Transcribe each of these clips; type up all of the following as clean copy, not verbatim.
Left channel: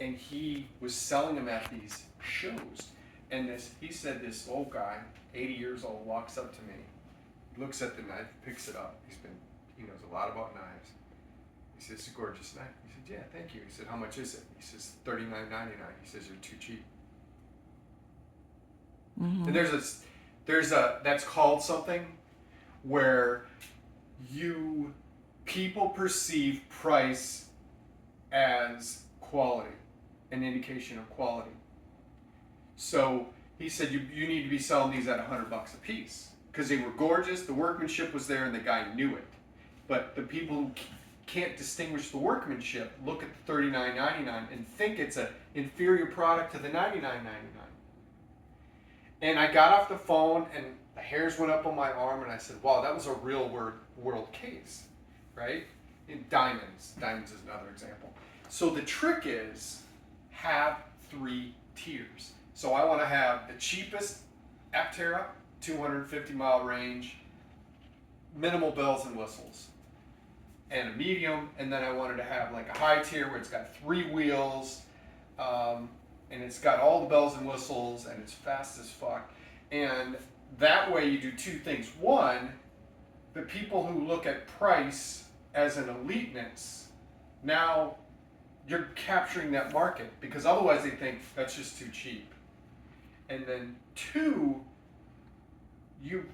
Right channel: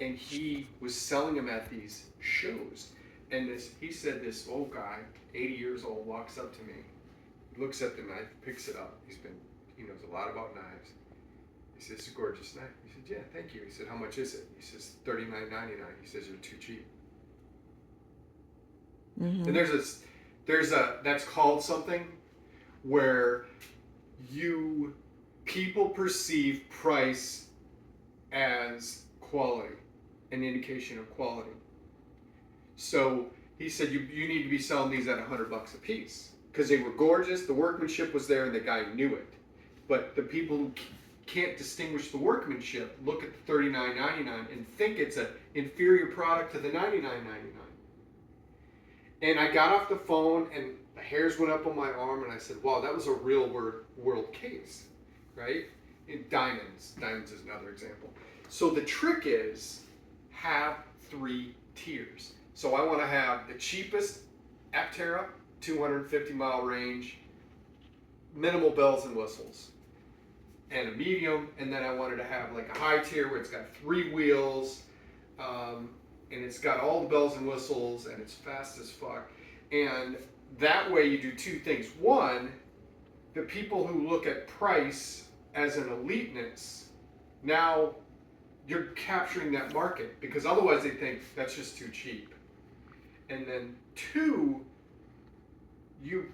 and he was selling them at these shows. And he said this old guy, 80 years old, walks up to me, looks at the knife, picks it up. He knows a lot about knives. He says, "It's a gorgeous knife." He said, "Yeah, thank you." He said, "How much is it?" He says, $39.99. He says, "You're too cheap." And that's called something where people perceive price as quality, an indication of quality. So he said, you need to be selling these at $100 a piece because they were gorgeous, the workmanship was there, and the guy knew it. But the people who can't distinguish the workmanship look at the $39.99 and think it's an inferior product to the $99.99. And I got off the phone and the hairs went up on my arm and I said, wow, that was a real world case, right? And diamonds is another example. So the trick is have 3 tiers. So I want to have the cheapest Aptera, 250 mile range, minimal bells and whistles, and a medium, and then I wanted to have like a high tier where it's got 3 wheels, and it's got all the bells and whistles, and it's fast as fuck. And that way you do 2 things. One, the people who look at price as an eliteness, now you're capturing that market, because otherwise they think that's just too cheap. And then 2, you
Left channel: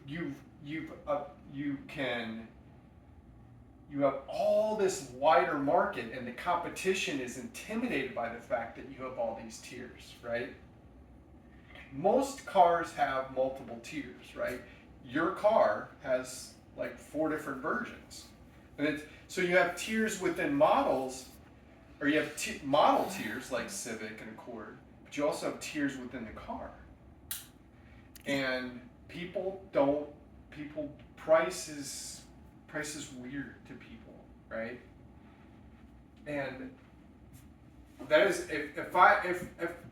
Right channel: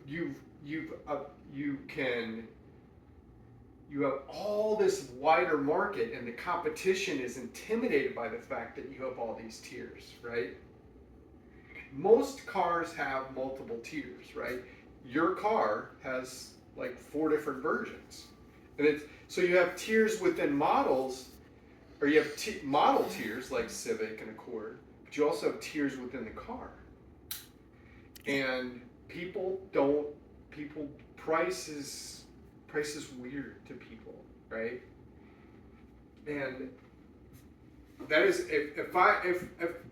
have all this wider market, and the competition is intimidated by the fact that you have all these tiers, right? Most cars have multiple tiers, right? Your car has like 4 different versions. And so you have tiers within models, or you have model tiers like Civic and Accord, but you also have tiers within the car. And price is weird to people, right? And that is, if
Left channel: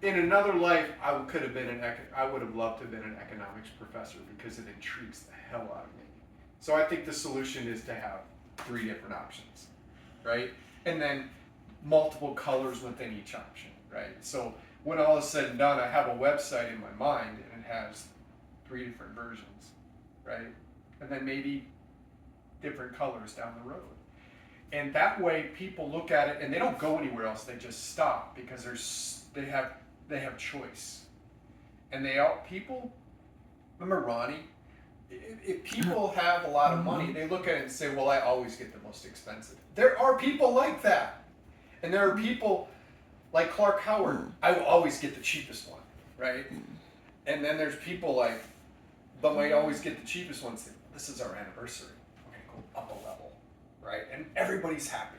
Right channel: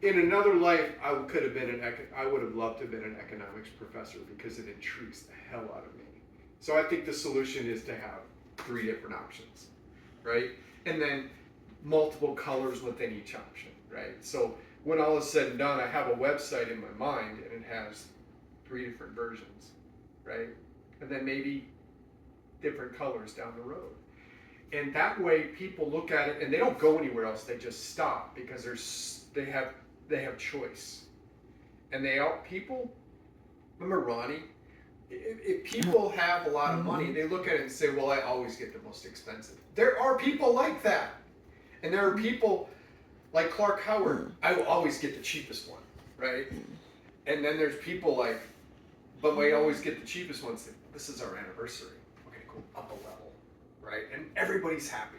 in another life I would have loved to have been an economics professor, because it intrigues the hell out of me. So I think the solution is to have 3 different options, right? And then multiple colors within each option, right? So when all is said and done, I have a website in my mind and it has 3 different versions, right? And then maybe different colors down the road. And that way people look at it and they don't go anywhere else, they just stop, because they have choice. And people, remember Ronnie? If people have a lot of money, they look at it and say, well, I always get the most expensive. There are people like that. And there are people like Clark Howard, I will always get the cheapest one, right? And then there's people like, but we always get the cheapest ones. This is our anniversary. Okay, cool, up a level, right? And everybody's happy.